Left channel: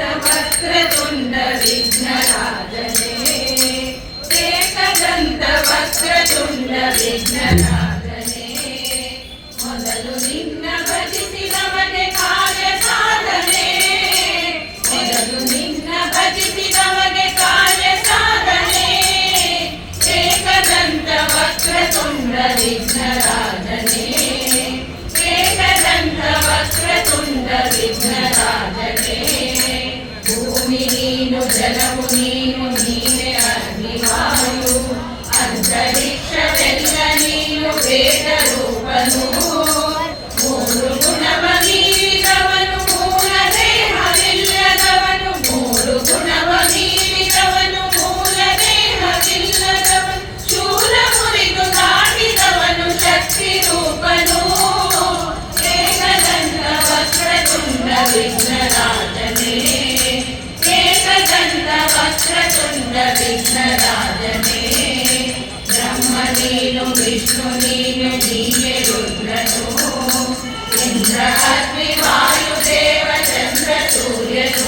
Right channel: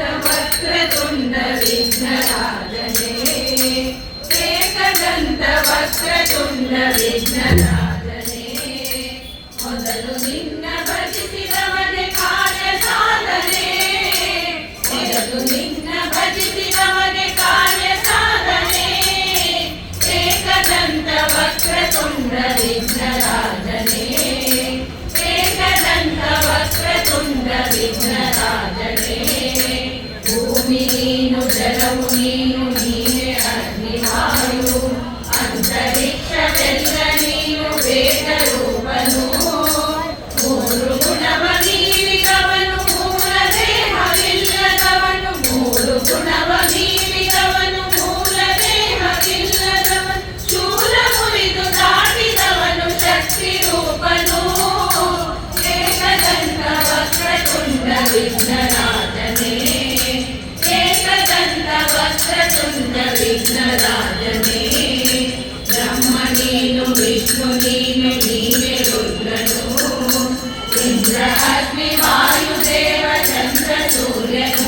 वक्रतुण्ड विघ्नराजने एकदन्त वक्रतुण्ड विघ्नराजने ಮೊದಲು ನಿನ್ನ ಭಜಿಸಿದವನೇ ಕಾರ್ಯ ಸಾಧನೆ ಮೊದಲು ನಿನ್ನ ಭಜಿಸಿದವನೇ ಕಾರ್ಯ ಸಾಧನೆ ಏಕದಂತ ವಕ್ರತುಂಡ ವಿಘ್ನರಾಜನೆ ಏಕದಂತ ವಕ್ರತುಂಡ ವಿಘ್ನರಾಜನೆ ಭೂಮಿ ನೀನು ಜಲವು ನೀನು ನೀನೆ ಅಗ್ನಿವಾಯು ಅಂತರಿಕ್ಷವೆಲ್ಲ ನೀನು ವೇದ ರೂಪನು ಮೂರು ಗುಣವ ಮೀರಿದವನು ಮೂಲ ದೇಹವಿಲ್ಲದವನು ಮೂರು ಗುಣವ ಮೀರಿದವನು ಮೂಲ ದೇಹವಿಲ್ಲದವನು ಶೂಲ ಮುರಿದು ದಾಟಿದವನು ಶಕ್ತಿ ರೂಪನು ಏಕದಂತ ವಕ್ರತುಂಡ ವಿಘ್ನರಾಜನೇ ಏಕದಂತ ವಕ್ರತುಂಡ ವಿಘ್ನರಾಜನೇ ಬ್ರಹ್ಮ ನೀನು ವಿಷ್ಣು ನೀನು ನೀನೆ ರುದ್ರನು ಇಂದ್ರ ಅಗ್ನಿ ವಾಯು ದೇವ ಚಂದ್ರ ಸೂರ್ಯನು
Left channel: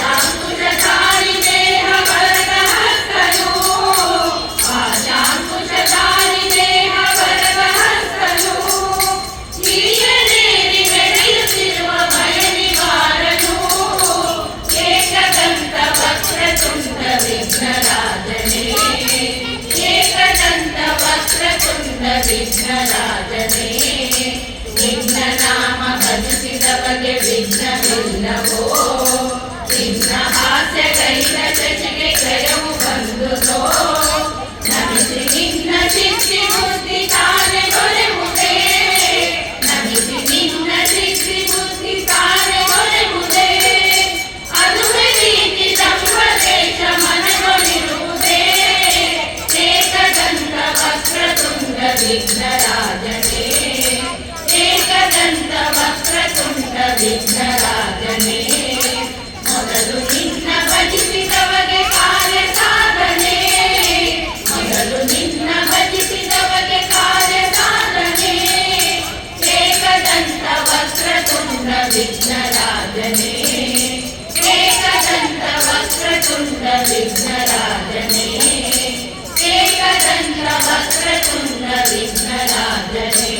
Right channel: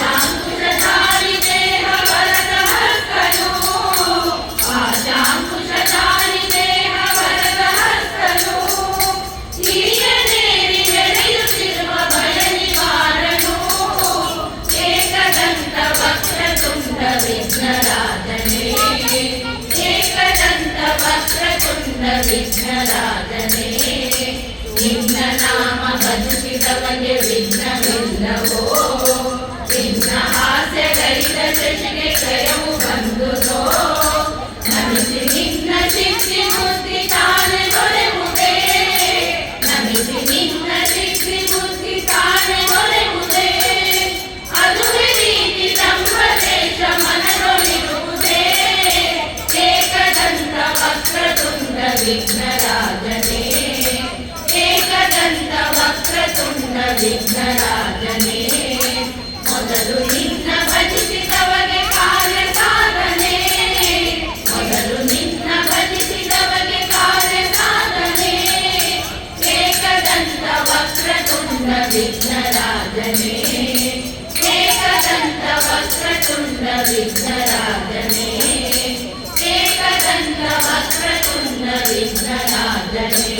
ಪಾಶಾಂಕುಶಧಾರಿ ದೇಹ ವರದ ಹಸ್ತನು ಪಾಶಾಂಕುಶಧಾರಿ ದೇಹ ವರದ ಹಸ್ತನು ಹಿರಿಯನೇರಿ ನಡೆಯುತ್ತಿರುವ ಭಯ ನಿವಾರನು ಏಕದಂತ ವಕ್ರತುಂಡ ವಿಘ್ನರಾಜನೇ ಏಕದಂತ ವಕ್ರತುಂಡ ವಿಘ್ನರಾಜನೇ ನಿನ್ನ ನಾಮ ಭಜಿಸಿದವಗೆ ವಿಘ್ನವಿಲ್ಲವೋ ನಿನ್ನ ಹಾಸ್ಯಗೈದ ಶಶಿಗೆ ಕ್ಷಯವು ಬಂದುದೋ ನಮಿಸಿ ನಿನ್ನ ಸಿದ್ಧಿ ಬುದ್ಧಿ ತಾನೆ ದೊರೆಯುವುದೇ ನಮಿಸಿ ನಿನ್ನ ಸಿದ್ಧಿ ಬುದ್ಧಿ ತಾನೆ ದೊರೆಯುವುದೇ ಅದುವೇ ರೀತಿ ಸಂಪದೇಶ ಮನದೊಳಿರುವುದೇ ಏಕದಂತ ವಕ್ರತುಂಡ ವಿಘ್ನರಾಜನೇ ಏಕದಂತ ವಕ್ರತುಂಡ ವಿಘ್ನರಾಜನೇ ಮೊದಲು ನಿನ್ನ ಭಜಿಸಿದವಗೆ ಕಾರ್ಯ ಸಾಧನೆ ಮೊದಲು ನಿನ್ನ ಭಜಿಸಿದವಗೆ ಕಾರ್ಯ ಸಾಧನೆ ಏಕದಂತ ವಕ್ರತುಂಡ ವಿಘ್ನರಾಜನೇ ಏಕದಂತ ವಕ್ರತುಂಡ ವಿಘ್ನರಾಜನೇ ಏಕದಂತ ವಕ್ರತುಂಡ ವಿಘ್ನರಾಜನೇ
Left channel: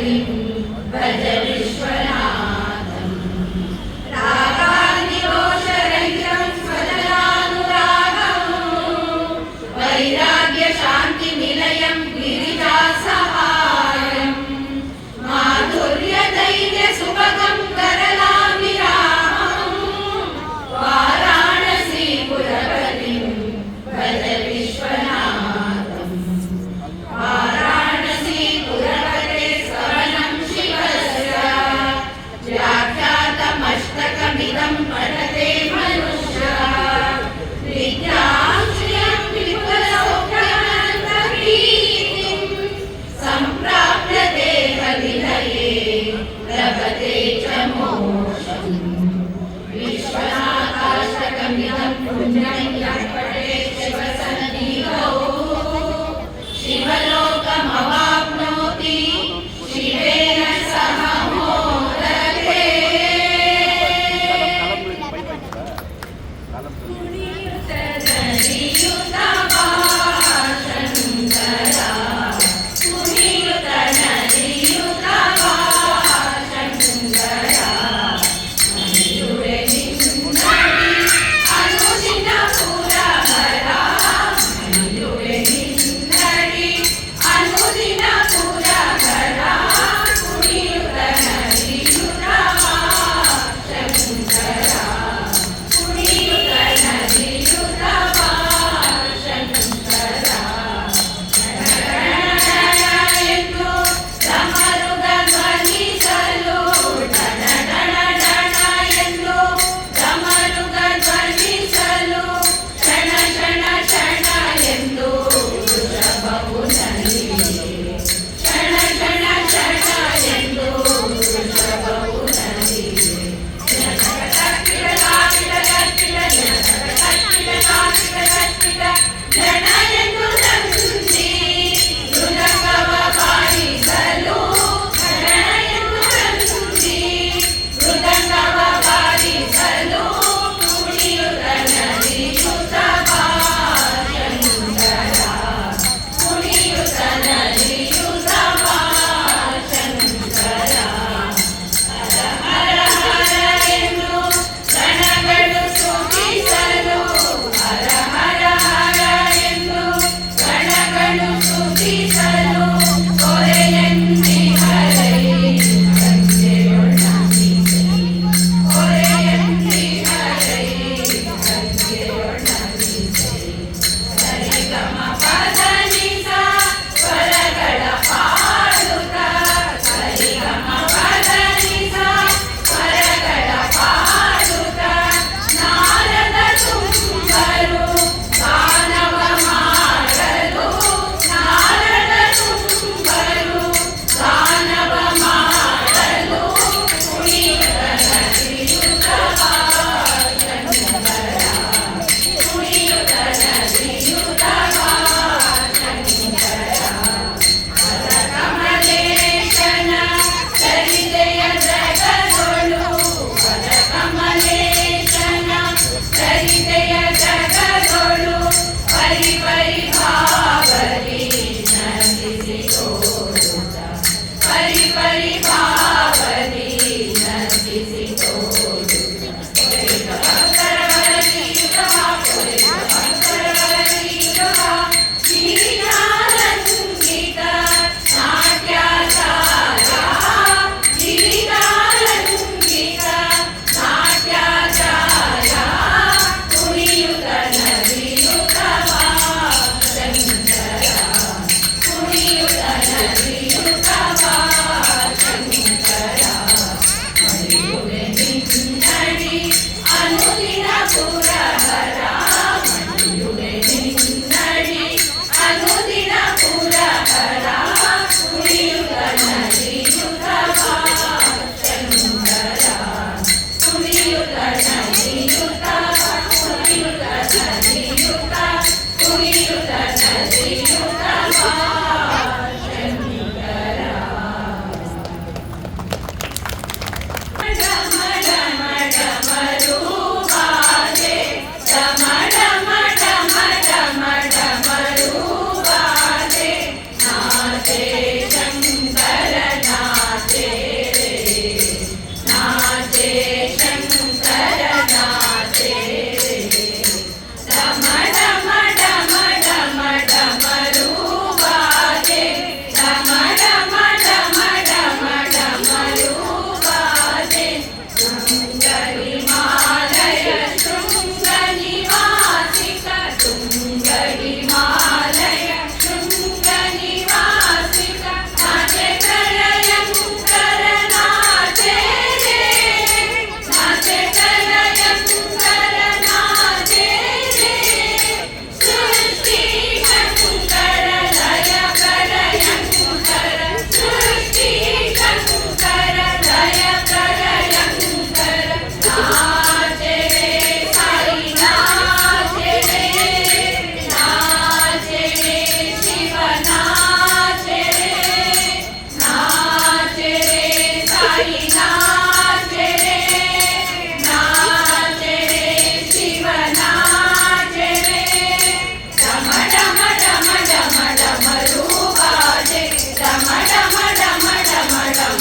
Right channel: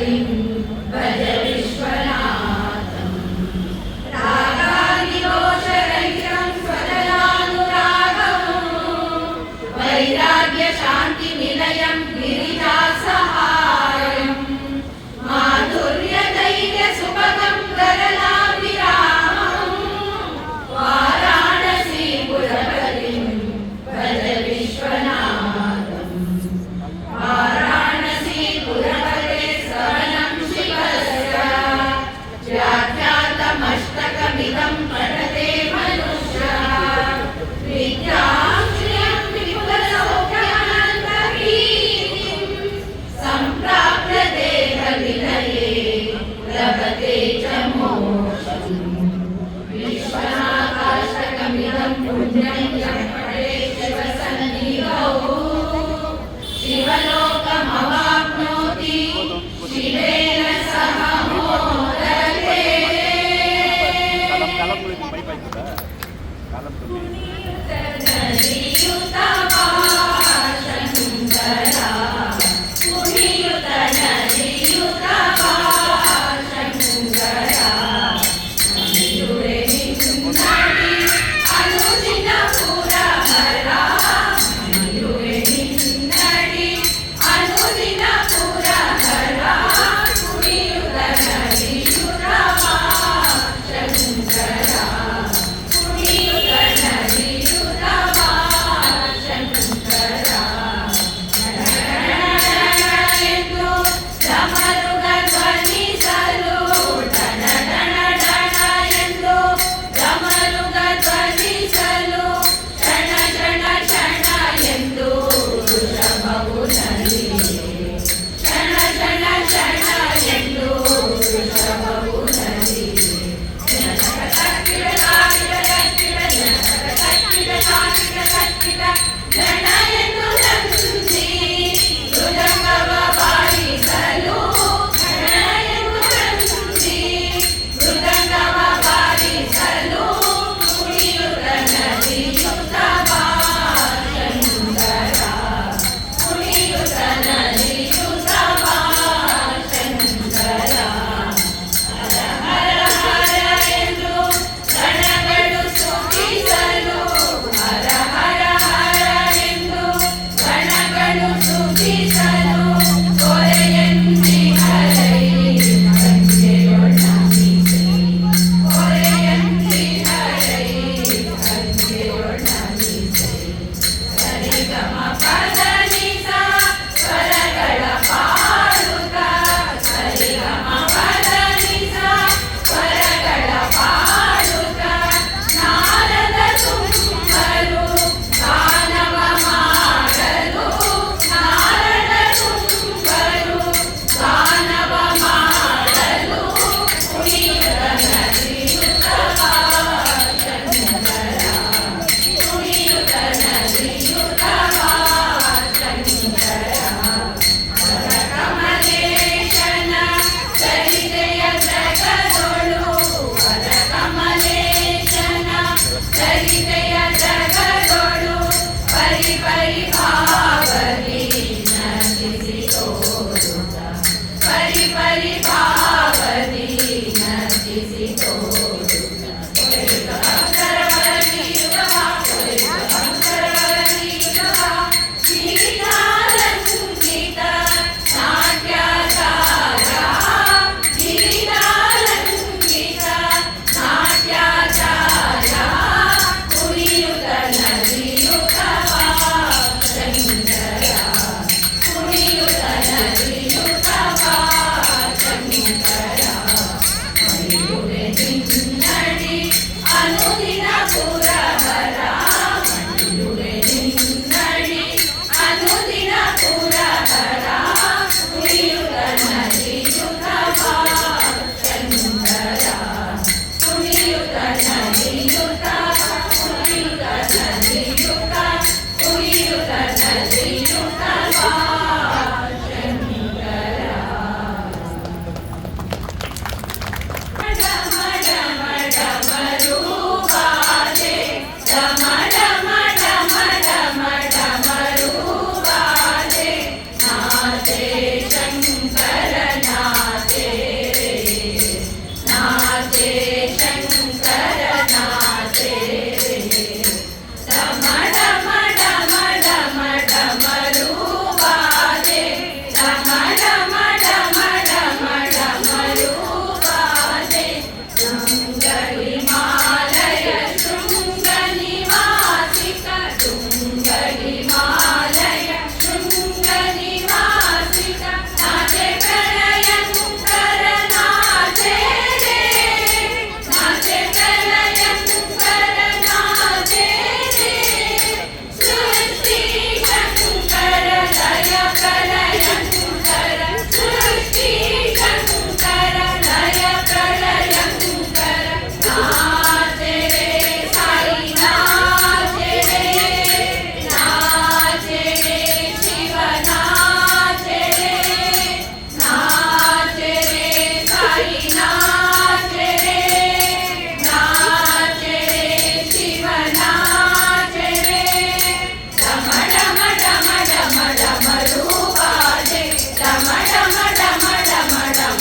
हरिं भज विश्वनाथम् रागादिदोषरहितं स्वजनानुरागम् वैराग्यशान्तिनिलयं गिरिजासहायम् माधुर्यधैर्यसुभगं करलाभिरामम् वाराणसीपुरपतिं भज विश्वनाथम् वाराणसीपुरपते शरणं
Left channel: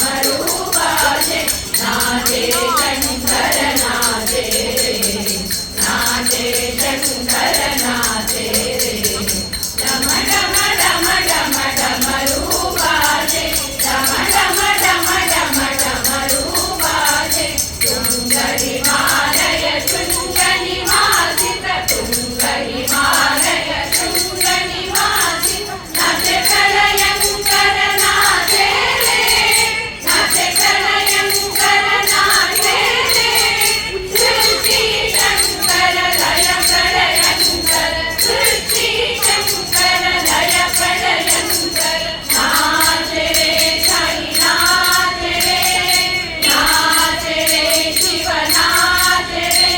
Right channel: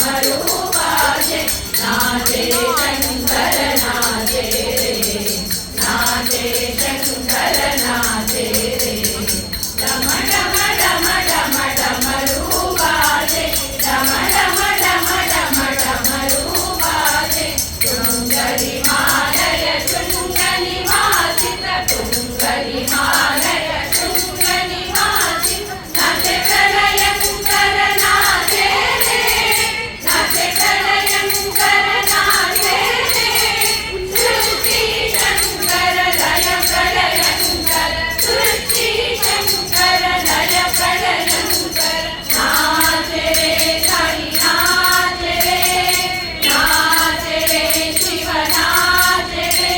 डमरूपा जय नाचे शंकर नाचे रे नाचे शंकर नाचे रे डम डम डम डम डमरूपा जय डम डम डम डम डमरूपा जय तुंगहिमालय शृङ्गनिवासित तुंगहिमालय शृङ्गनिवासित नाचे प्रलयङ्कर नाचे रे नाचे प्रलयङ्कर नाचे रे सृष्टि शङ्कर लय प्रलयङ्कर सृष्टि शङ्कर लय प्रलयङ्कर नाचे रे साई नाचे रे शिव नाचे रे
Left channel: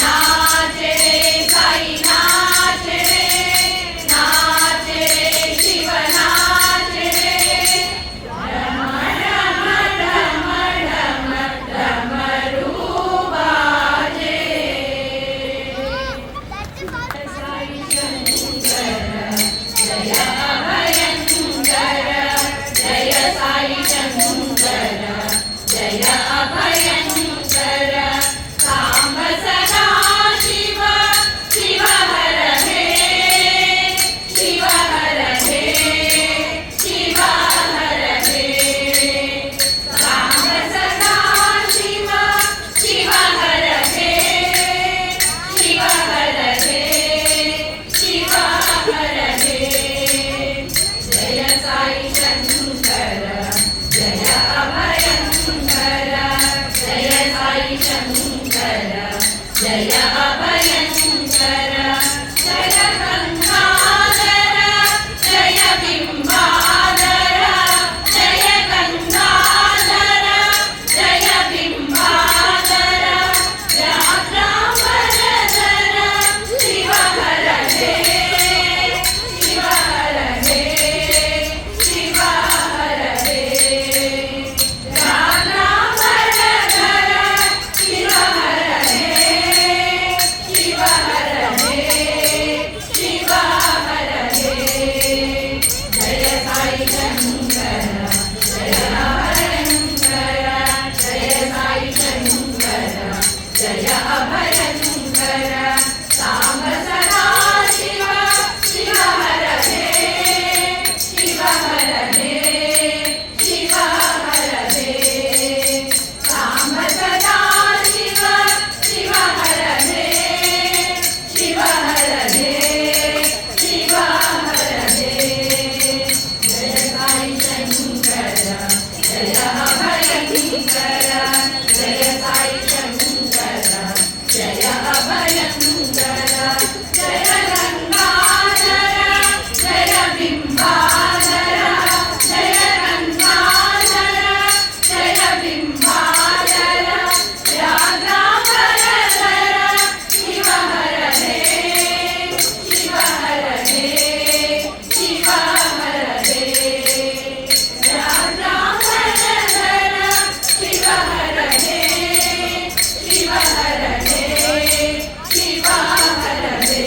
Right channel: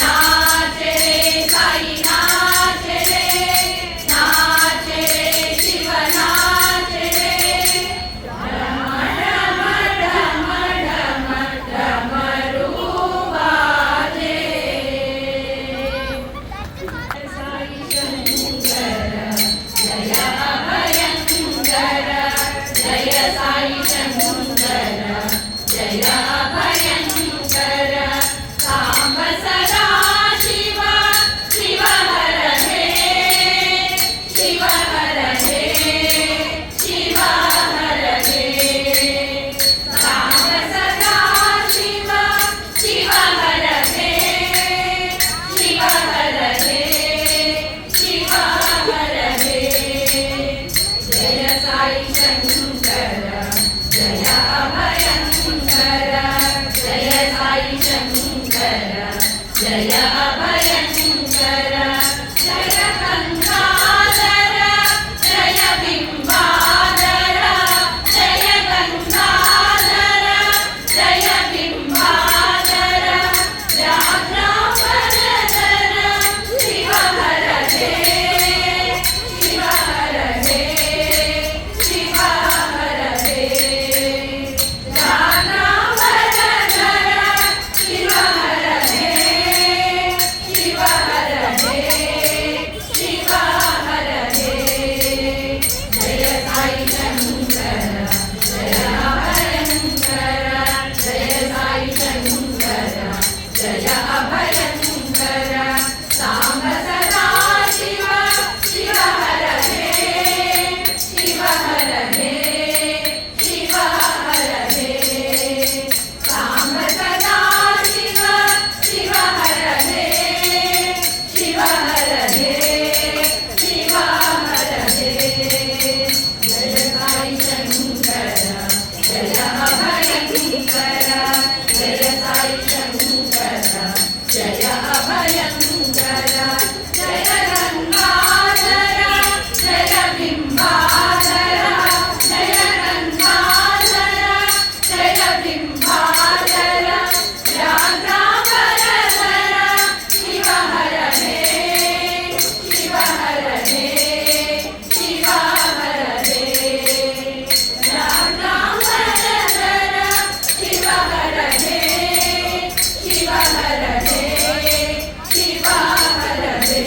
नाचे रे साई नाचे रे नाचे रे शिव नाचे रे डमरूपा जय साई शंकर जय अभयंकर सांब सदा शिव शिव हर हे शिव हर हे शिव हर हे सांब सदा शिव शिव हर हे शिव हर हे शिव हर हे जय साई शंकर जय अभयंकर जय साई शंकर जय अभयंकर जय गंगाधर जय बिंबाधर जय गंगाधर जय बिंबाधर व्याघ्रांबरधर शिव हर हे शिव हर हे शिव हर हे व्याघ्रांबरधर शिव हर हे शिव हर हे शिव हर हे जय साई शंकर जय अभयंकर जय साई शंकर जय अभयंकर सांब सदा शिव शिव हर हे शिव हर हे शिव हर हे सांब सदा शिव शिव हर हे शिव हर हे शिव हर हे जय साई शंकर जय अभयंकर जय साई शंकर जय अभयंकर जय गंगाधर जय बिंबाधर जय गंगाधर जय बिंबाधर व्याघ्रांबरधर शिव हर हे शिव हर हे शिव हर हे व्याघ्रांबरधर शिव हर हे शिव हर हे शिव हर हे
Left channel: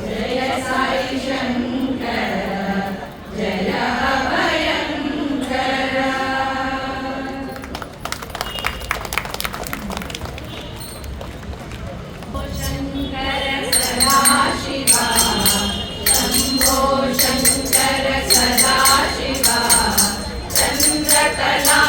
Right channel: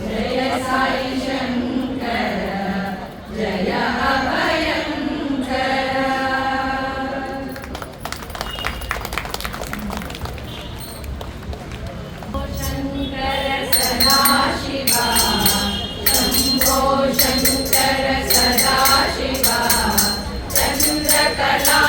जय साई शंकर जय अभयंकर शंकर सदा शिवा शंभो शंकर सदा शिवा चंद्रकला